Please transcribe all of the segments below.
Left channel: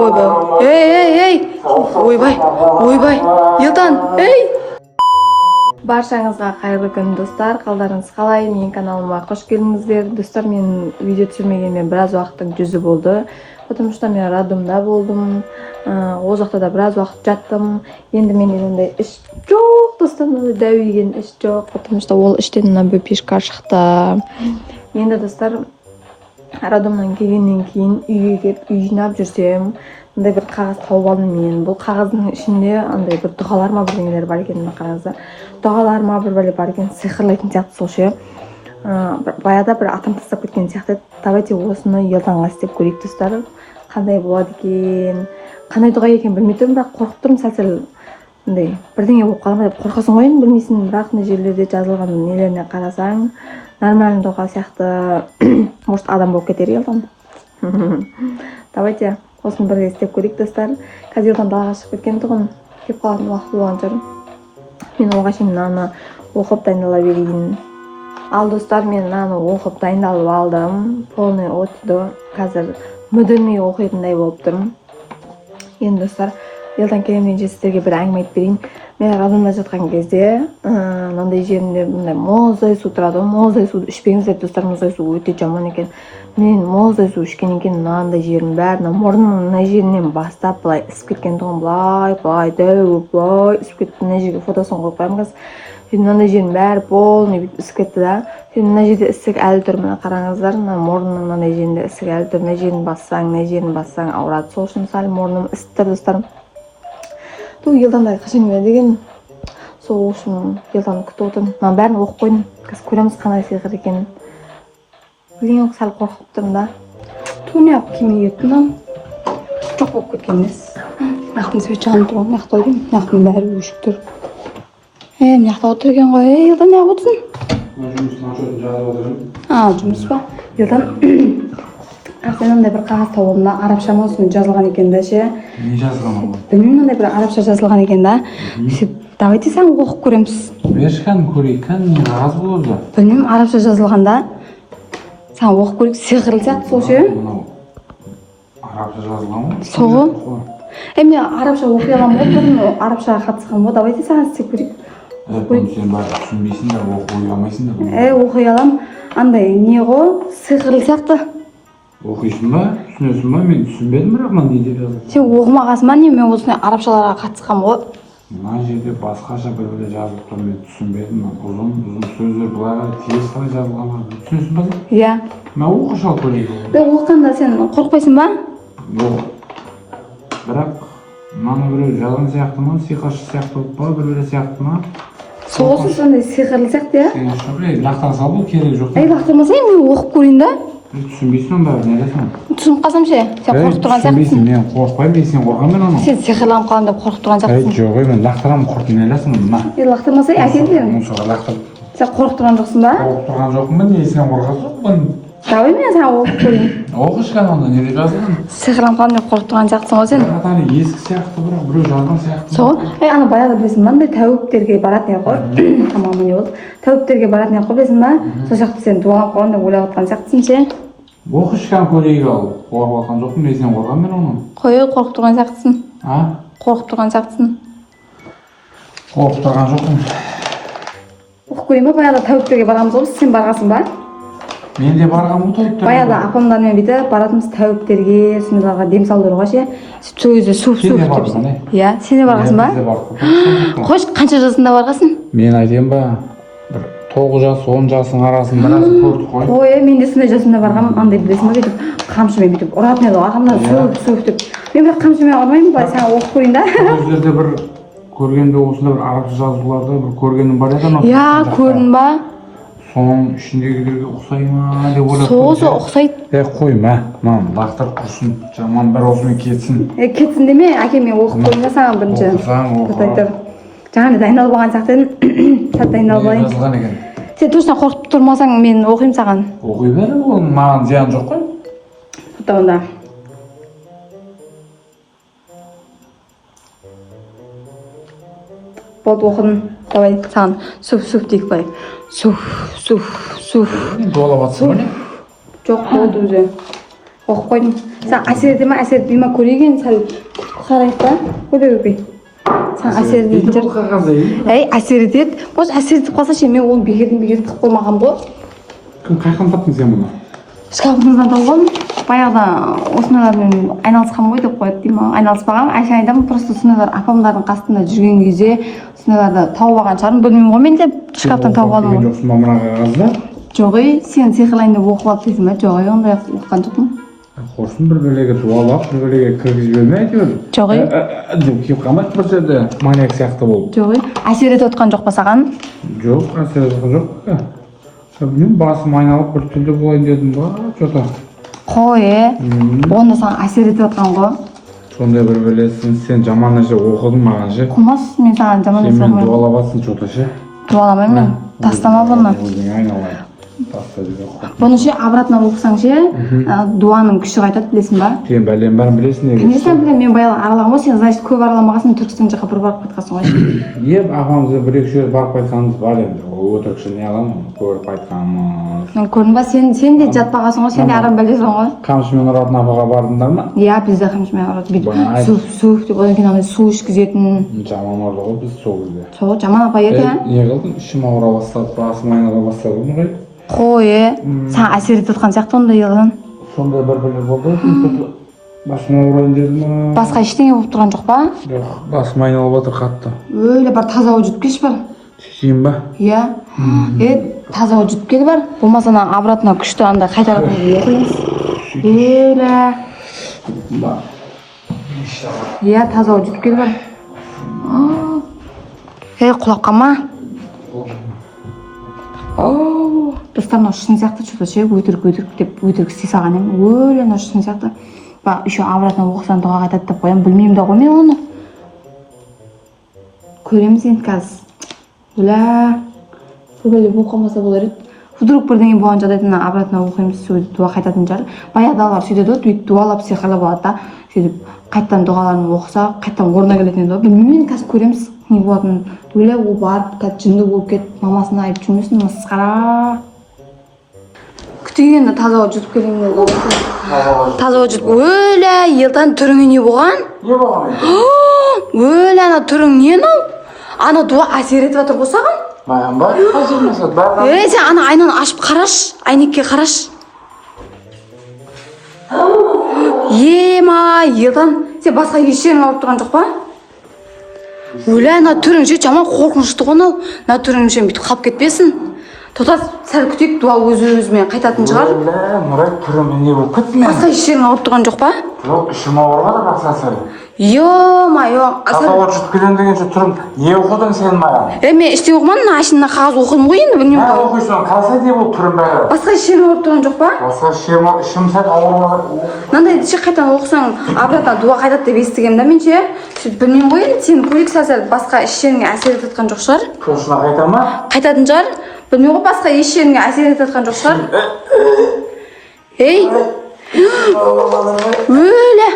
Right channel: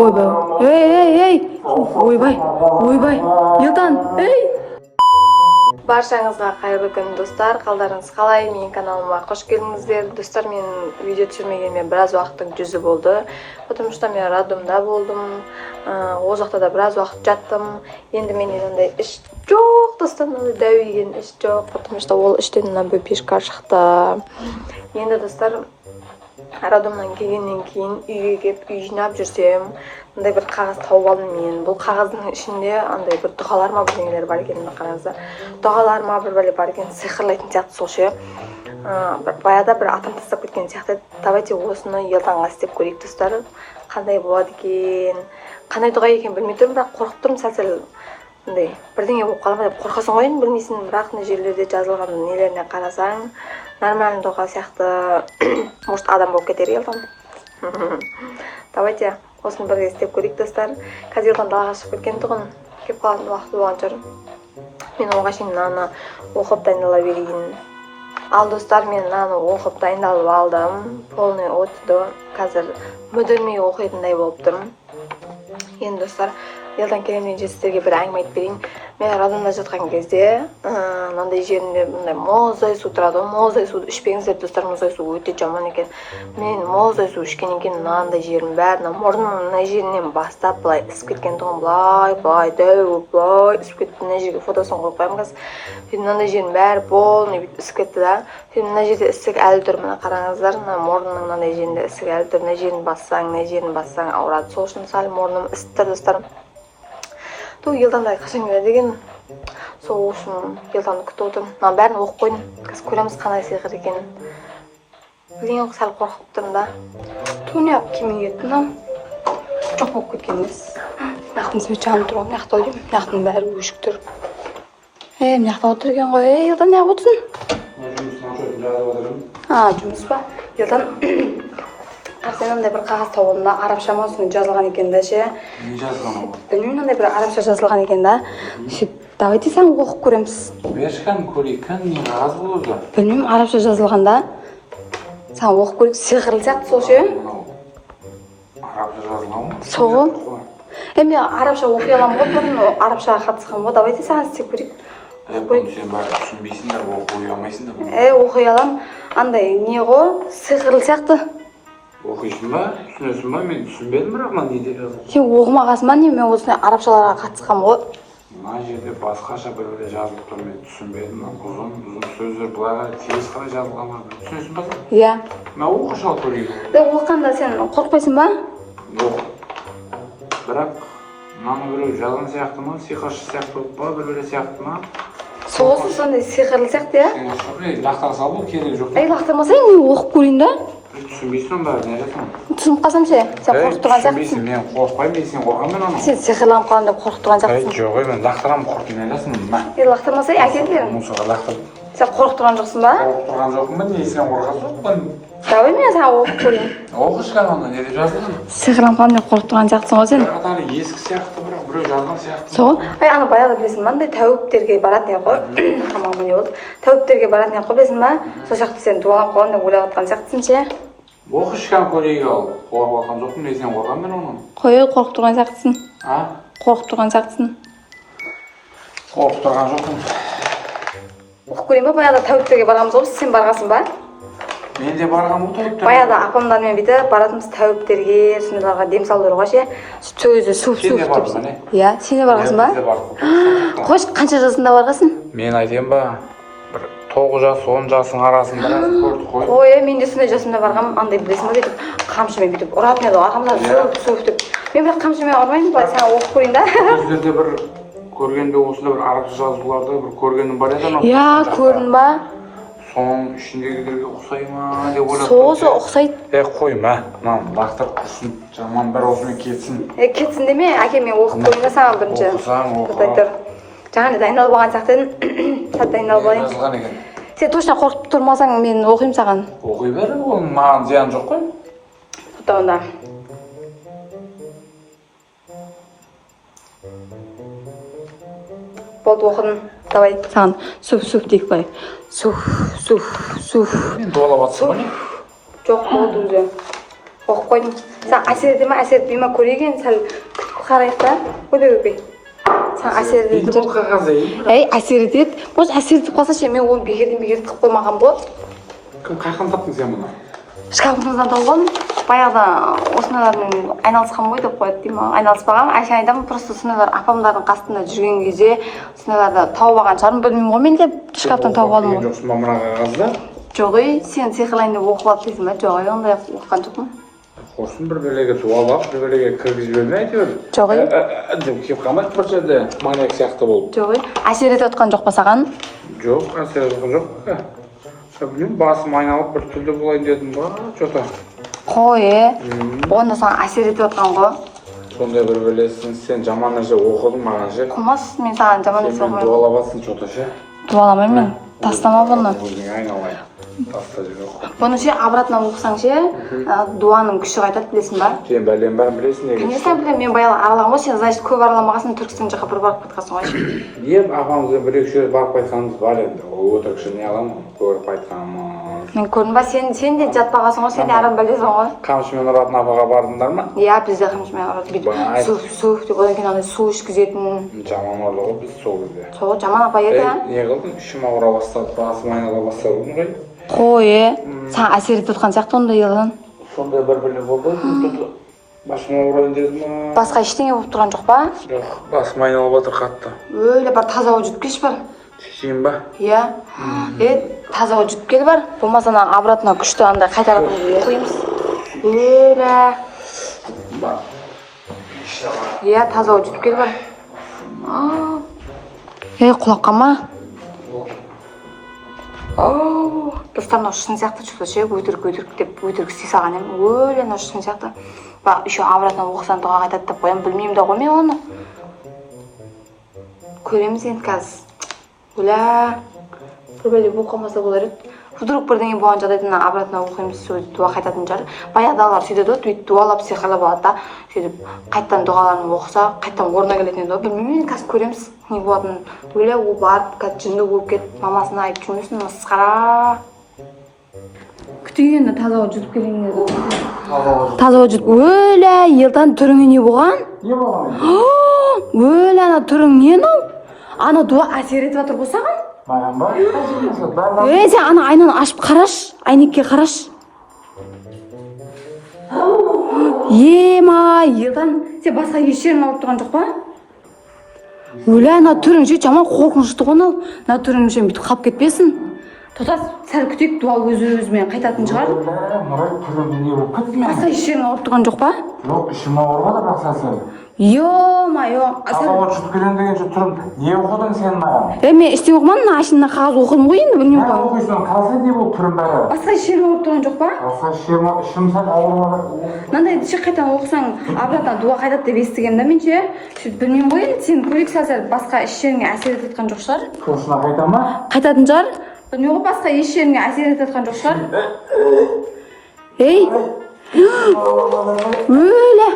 Ойбай. Ей. Ойбай. Елдан. Ей. Баршаңызға қайырлы күн достар. Қалдарыңыз қалай? Менің каналыма қош келдіңіздер. Достар, мен видео түсірмегеніме біраз уақыттың жүзі болды. Потому что мен роддомда болдым. Ол жақта да біраз уақыт жаттым. Енді менде ондай іш жоқ, достар, дәуеген іш жоқ. Потому что ол іштен мына бөпешка шықты. Енді достар, роддомнан келгеннен кейін үйге келіп үй жинап жүрсем, андай бір қағаз тауып алдым мен. Бұл қағаздың ішінде андай бір дұғалар ма бірдеңелер бар екен, қараңыздар. Дұғалар ма бір бәле бар екен, сиқырлайтын сияқты сол ше. Баяда бір атам тастап кеткен сияқты. Давайте осыны елданға істеп көрейік достар. Қандай болады екен, қандай дұға екен білмей тұрмын, бірақ қорқып тұрмын сәл андай бірдеңе болып қала ма деп қорқасың ғой, білмейсің. Бірақ мына жерлерде жазылған нелеріне қарасаң, нормальный дұға сияқты, может адам болып кетер елдан. Давайте осыны бірге істеп көрейік достар. Қазір елдан далаға шығып кеткен тұғын, келіп қалатын уақыт болған шығар. Мен оған шейін мынаны оқып дайындала берейін. Ал достар, мен мынаны оқып дайындалып алдым. Полный отды қазір мүдірмей оқитындай болып тұрмын. Енді достар, елдан келемін сіздерге бір әңгіме айтып берейін. Мен роддомда жатқан кезде мынандай жерінде мындай мұздай су тұрады. Мұздай суды ішпеңіздер достар, мұздай су өте жаман екен. Мен мұздай су ішкеннен кейін мынандай жерім бәрі, мұрнымның мына жерінен бастап былай ісіп кеткен тұғын, былай дәу былай ісіп кетті. Мына жерге фотосын қойып қоямын қазір. Мынандай жерім бәрі полный ісіп кетті да. Мына жерде ісік әлі тұр, мына қараңыздар, мына мұрнымның мынандай жерінде ісік әлі тұр. Мына жерін бассаң ауырады. Сол үшін сәл мұрным ісіп тұр достар. Ту елданда қашан келеді деген, сол үшін елданы күтіп отырмын. Мына бәрін оқып қойдым, қазір көреміз қандай сиқыр екенін. Білген сәл қорқып тұрмын да. Ту не алып келмей кетті мынау, жоқ болып кеткен емес. Мынаяқтың свет жанып тұр ғой, мынаяқта деймін, мынаяқтың бәрі өшік тұр. Мынаяқта отыр екен ғой, елдан не отырсың? Жұмыс ба? Елдан сен андай бір қағаз тауында арабша ма жазылған екен да ше. Не жазылған бұл? Білмеймін, андай бір арабша жазылған екен да. Давайте сән оқып көреміз. Бершқан көрейік, не қағаз болды? Білмеймін, арабша жазылған да. Сән оқып көрейік, сиқырлы сияқты сол ше. Арабша жазылған ғой? Сол. Мен арабша оқи аламын ғой, бұрын арабшаға қатысқан ғой. Давайте сән істеп көрейік. Сен бар түсінбейсің да, оқи алмайсың да. Оқи аламын. Андай не ғой, сиқырлы сияқты. Оқисың ба? Түсінесің ба? Мен түсінбедім, бірақ мына неде жазылған. Сен оқымағансың ба не? Мен осындай арабшаларға қатысқан ғой. Мына жерде басқаша бір жазылып тұр, мен түсінбедім. Ұзын сөздер былай қарай тез қарай жазылған ба? Түсінесің ба? Иә. Мына оқы шал көрейік. Оқығанда сен қорықпайсың ба? Бірақ мынаны біреу жазған сияқты ма? Сиқыршы сияқты болып па? Біреулер сияқты ма? Соғысы сондай сиқырлы сияқты, иә? Сен үшін лақтан сал бұл керек жоқ. Лақтырмасайын, оқып көрейін да. Түсінбейсің ба? Не дейсің? Түсініп қалсам ше, сен қорқып тұрған сияқтысың. Түсінбейсің, мен қорықпаймын, сен қорқамын мен оны. Сен сиқырланып қалам деп қорқып тұрған сияқтысың. Жоқ, мен лақтырамын, қорқып не ойлайсың деймін. Лақтырмасай, әкелдерің. Сен қорқып тұрған жоқсың ба? Қорқып тұрған жоқпын ба? Неге сен қорқасың? Давай мен саған оқып көрейін. Оқышқан оны, не деп жазылған? Сиқырланған деп қорқып тұрған сияқтысың ғой сен. Ана ескі сияқты, біреу жазған сияқты. Сол. Ана баяғы білесің, мынандай тәуіптерге баратын ек қой. Аман не болды? Тәуіптерге баратын ек қой, білесің ба? Сол сияқты сен дуалап қалған деп ойлап отқан сияқтысың ше. Оқышқан көрейік ал. Қорқып отқан жоқпын, мен сен қорқамын мен оны. Қой, қорқып тұрған сияқтысың. Қорқып тұрған сияқтысың. Қорқып тұрған жоқпын. Оқып көрейін ба? Баяғыда тәуіптерге барғанбыз ғой, сен барғансың ба? Мен де барған бұл тәуіптерге. Баяғыда апамдармен бүйтіп баратынбыз тәуіптерге, сондайларға дем салдыруға ше. Сол кезде суып. Сен де бардың ба не? Иә, сен де барғансың ба? Біз де бардық. Қойшы, қанша жасында барғансың? Мен айтайын ба? Бір 9 жас, 10 жасың арасында көрдік қой. Ой, мен де сондай жасымда барғанмын, андай білесің ба, бүйтіп қамшымен бүйтіп ұратын еді, арқамнан суып деп. Мен бірақ қамшымен ұрмаймын, былай саған оқып көрейін да. Бұл жерде бір көргенде осында бір арабша жазуларды бір көргенім бар еді анау. Иә, көрдің ба? Соның ішіндегілерге ұқсай ма деп ойлап тұрмын. Соғысы ұқсайды. Қойма, мынаны лақтырып тұрсын, жаман бір осымен кетсін. Кетсін деме, әке мен оқып көрейін да саған бірінші. Татайтыр. Жаңа дайындалып алған сияқты едім. Сәт дайындалып алайын. Сен точно қорқып тұрмасаң мен оқимын саған. Оқи бер, ол маған зиян жоқ қой. Фотоғында. Болды оқыдым. Давай саған суф дейік бай. Суф. Дуалап атсың ба не? Жоқ, болды өзі. оқып қойдым. Саған әсер ете ме, әсер етпей ме көрейін, сәл күтіп қарайық та. Көбей. Саған әсер ететін бұл қағазы әсер етеді. Осы әсер етіп қалса ше, мен оны бекерден қылып қоймаған бол. Кім қайқан таптың сен мұны? Шкафымыздан тауып алдым. Баяғыда осындайлармен айналысқан ғой деп қояды деймін. Айналыспаған. Айша айтамын, просто осындайлар апамдардың қасында жүрген кезде осындайларды тауып алған шығармын. Білмеймін ғой мен де шкафтан тауып алдым. Жоқсың ба мына қағазды? Жоқ ей, сен сиқырлайын деп оқып алып дейсің ба? Жоқ ей, ондай оқыған жоқпын. Құрсын бір бөлеге дуалап, бір бөлеге кіргізіп жібермей әйтеуір. Жоқ ей. Деп келіп қалмайды бір жерде маньяк сияқты болып. Жоқ ей. Әсер етіп отқан жоқ па саған? Жоқ, әсер етіп жоқ. Білмеймін, басым айналып бір түрлі болайын дедім ба, жота. Қой, онда саған әсер етіп отқан ғой. Сондай бір бөлесің, сен жаман нәрсе оқыдың маған ше. Қумас, мен саған жаман нәрсе Мен оқымаймын. дуалабасың жота ше. Дуаламаймын. Тастама бұны. Өзің айналайын. Таста дейді. Бұны ше обратно оқысаң ше, дуаның күші қайтады, білесің ба? Сен бәлем бәрін білесің неге? Конечно білемін, мен баяғы аралағым ғой, сен значит көп араламағансың, Түркістан жаққа бір барып қайтқансың ғой. Не апамызға бір-екі жер барып қайтқанымыз бар енді. Өтірікші не аламын, көріп қайтқанмыз. Мен көрдім ба, сен де жатпағансың ғой, сен де арам бәлесің ғой. Қамшымен ұратын апаға бардыңдар ма? Иә, бізде қамшымен ұрады, бүйтіп суф деп одан кейін андай су ішкізетін. Жаман ұрды ғой біз сол кезде. Сол жаман апа еді, ә? Не қылдың? Ішім ауыра бастады, басым айнала бастады ғой. Қой, саған әсер етіп отқан сияқты ондай елдің. Сондай бір болды. Басым ауырайын дедім. Басқа ештеңе болып тұрған жоқ па? Жоқ, басым айналып жатыр қатты. Өлі бар таза ауыз жұтып келші бар. Шешейін ба? Иә. Таза ауыз жұтып кел бар. Болмаса ана обратно күшті андай қайтаратын оқимыз. Өлі. Иә, таза ауыз жұтып кел бар. Құлаққа ма? Достар, мынау шын сияқты что-то ше, өтірік деп өтірік істей салған едім. Өлі, мынау шын сияқты. Ба, еще обратно оқысаң дұға қайтады деп қоямын, білмеймін да ғой мен оны. Көреміз енді қазір. Оля, бір бөле оқымаса болар еді. Вдруг бірдеңе болған жағдайда обратно оқимыз, сөйтіп дұға қайтатын шығар. Баяғыдағылар сөйтеді ғой, бүйтіп дұғалап сиқырлап алады да, сөйтіп қайттан дұғаларын оқыса, қайттан орнына келетін еді ғой. Білмеймін, қазір көреміз не болатынын. Оля, ол барып, қазір жынды болып кетіп, мамасына айтып жүрмесін, масқара. Күтейін, таза ауыз жұтып келейін деді. Таза ауыз жұтып. Оля, елдан түріңе не болған? Не болған? Оля, ана түрің не мынау? Ана дұға әсер етіп жатыр ғой саған? Маған ба? Қажырмаса, сен ана айнаны ашып қараш, әйнекке қараш. Ема, елдан сен басқа ешерің ауырып тұрған жоқ па? Өлі, ана түрің ше жаман қорқынышты ғой анау. Ана түрің ше бүйтіп қалып кетпесін. Тоқтат, сәл күтейік, дуа өз-өзімен қайтатын шығар. Мұрай түріме не болып кетті ме? Басқа ешерің ауырып тұрған жоқ па? Жоқ, ішім ауырмады бақса сәл. Ё-ма-ё. Таза ауыз жұтып келем дегенше түрім не оқыдың сен маған? Мен ештеңе оқымадым, ашында қағаз оқыдым ғой енді, білмеймін ғой. Оқисың, қалсай деп ол түрім бәрі. Басқа ешерің ауырып тұрған жоқ па? Басқа ішім сәл ауырмады. Мынандай ше қайтадан оқысаң, обратно дуа қайтады деп естігемін да мен ше. Сөйтіп білмеймін ғой енді, сен көрейік сәл басқа ешеріңе әсер етіп жатқан жоқ шығар. Көшіне қайта ма? Қайтатын шығар. Білмеймін ғой, басқа ешеріңе әсер етіп жатқан жоқ шығар. Ей! Өлі!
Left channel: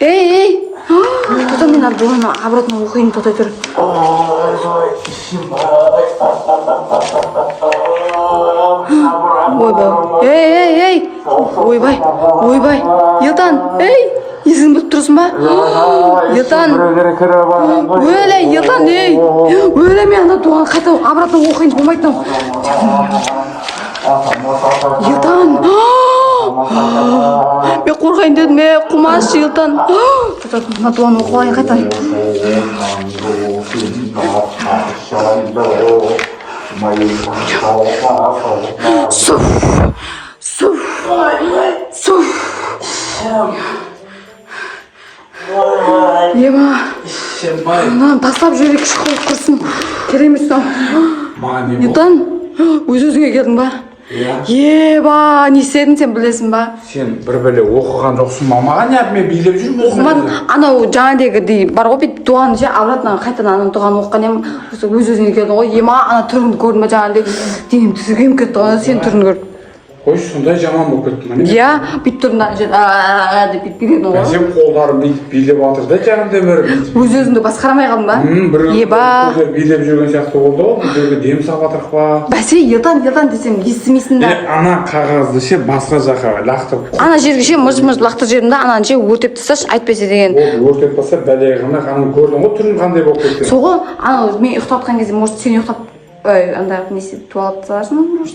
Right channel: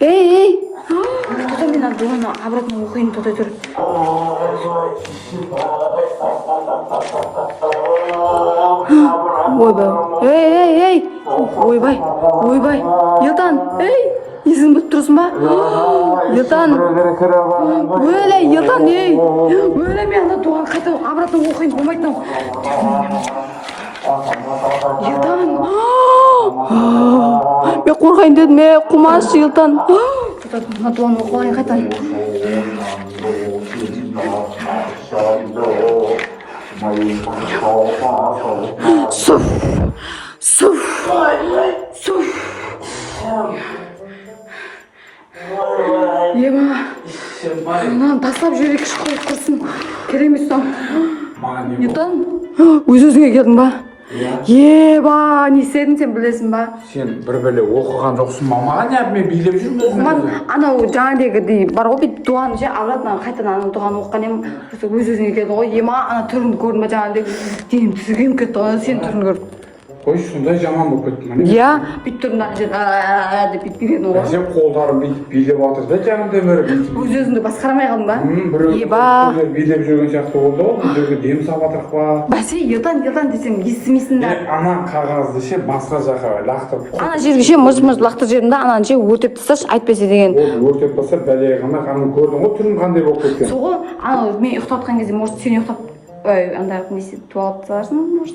Ей! Тота мен дуаны обратно оқиын, тотай тұр. Ойбай! Ей! Ойбай! Елдан! Ей! Есің біліп тұрсың ба? Елдан! Өлі! Елдан! Ей! Өлі мен ана дуаны қайта обратно оқиын болмайды. Елдан! Мен қорғайын дедім, қумас Елдан! Мына дуаны оқып алайын қайтан. Суф! Ема! Мынаны тастап жіберейік, шықып құрсын. Керемес тау. Елдан, өз-өзіңе келдің ба? Еба, не істедің сен білесің ба? Сен бір бөле оқыған жоқсың ба? Маған не мен билеп жүрмін. Оқымадым. Анау жаңағыдегідей бар ғой, бүйтіп дуаны ше, обратно қайтадан ана дуаны оқыған едім. Өз-өзіңе келдің ғой. Ема, ана түріңді көрдім ба жаңағыдай. Денем түзігем кетті ғой, сен түріңді көріп. Қой, сондай жаман болып кетті ма? Иә, бүйтіп тұрдым мына жерде деп бүйтіп кететін ғой. Сен қолдарың бүйтіп билеп жатыр да жанымда бір. Өз-өзіңді басқарамай қалдың ба? Бір билеп жүрген сияқты болды ғой. Бұл жерге дем салып жатырық па? Бәсе, елдан десем естімейсің да. Ана қағазды ше басқа жаққа лақтырып. Ана жерге ше мыж-мыж лақтырып жібердім да, ананы ше өртеп тасташы, айтпаса деген. Ол өртеп тастаса бәле қылмақ, ананы көрдің ғой түрін қандай болып кеткен. Соғы, ана мен ұйықтап жатқан кезде, может, сен ұйықтап андай несі дуалап тастарсың, может.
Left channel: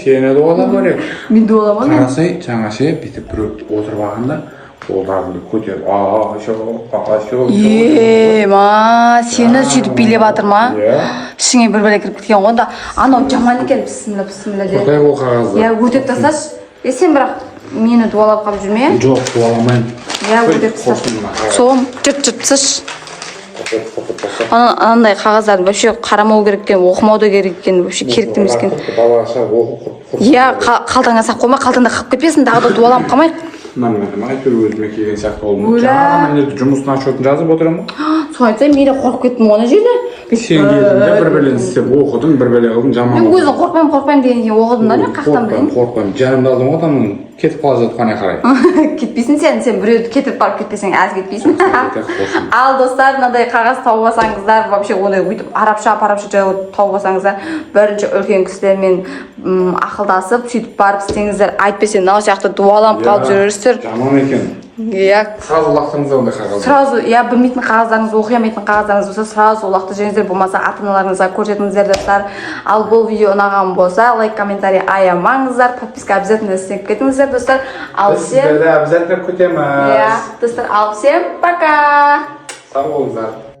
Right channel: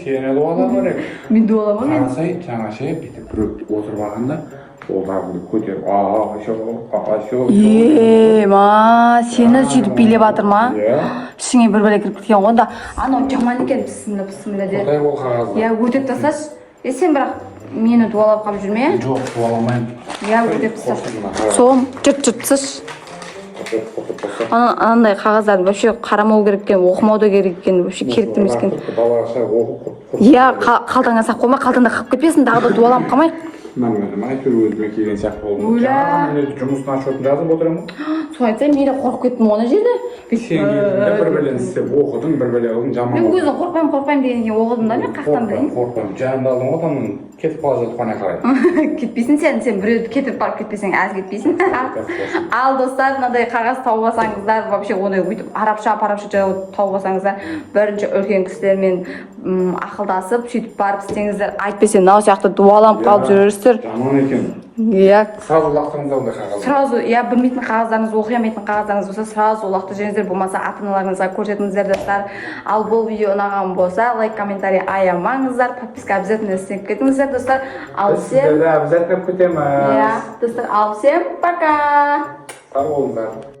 Сені дуалап керек. Мен дуаламын. Қарасай, жаңа ше бүйтіп біреу отырып алғанда қолдарыңды көтеріп аашо. Ма, сені сөйтіп билеп жатыр ма? Иә. Ішіңе бір бәле кіріп кеткен ғой да. Анау жаман екен, бісміллә де. Қотай ол қағазды. Иә, өтеп тасташы. Сен бірақ мені дуалап қалып жүрме. Жоқ, дуаламайын. Иә, өтеп тасташы. Соғым, жырт-жыртсыш. Анандай қағаздарды вообще қарамау керек екен, оқымау да керек екен, вообще керек емес екен. Балаша оқып. Иә, қалтаңа сақ қойма, қалтаңда қалып кетпесін, тағы да дуаланып қалмайық. Нормально, әйтеуір өзіме келген сияқты болдым. Өлә. Мен жұмыстың отчетін жазып отырамын. Солай айтсай, мен де қорқып кеттім ана жерде. Сен келдің бір бәлені істеп оқыдың, бір бәле қылдың, жаман. Мен өзім қорқпаймын дегенде оқыдым да, мен қақтан білейін. Қорқпаймын. Жанымда алдым ғой адамның кетіп қала жатқанына қарай. Кетпейсің сен біреуді кетіп барып кетпесең аз кетпейсің. Ал достар, мынандай қағаз тауып алсаңыздар, вообще оны өйтіп арабша тауып алсаңыздар, бірінші үлкен кісілермен ақылдасып, сөйтіп барып істеңіздер, айтпесе мынау сияқты дуаланып қалып жүрерсіздер. Жаман екен. Иә. Сразу лақтыңыздар ондай қағаз. Сразу, иә, білмейтін қағаздарыңыз, оқи алмайтын қағаздарыңыз болса, сразу лақтырып жіберіңіздер, болмаса ата-аналарыңызға көрсетіңіздер достар. Ал бұл видео ұнаған болса, лайк, комментарий аямаңыздар, подписка обязательно істеп кетіңіздер достар. Ал всем... Сіздерді обязательно күтеміз. Иә, достар, ал всем пока! Сау болыңыздар.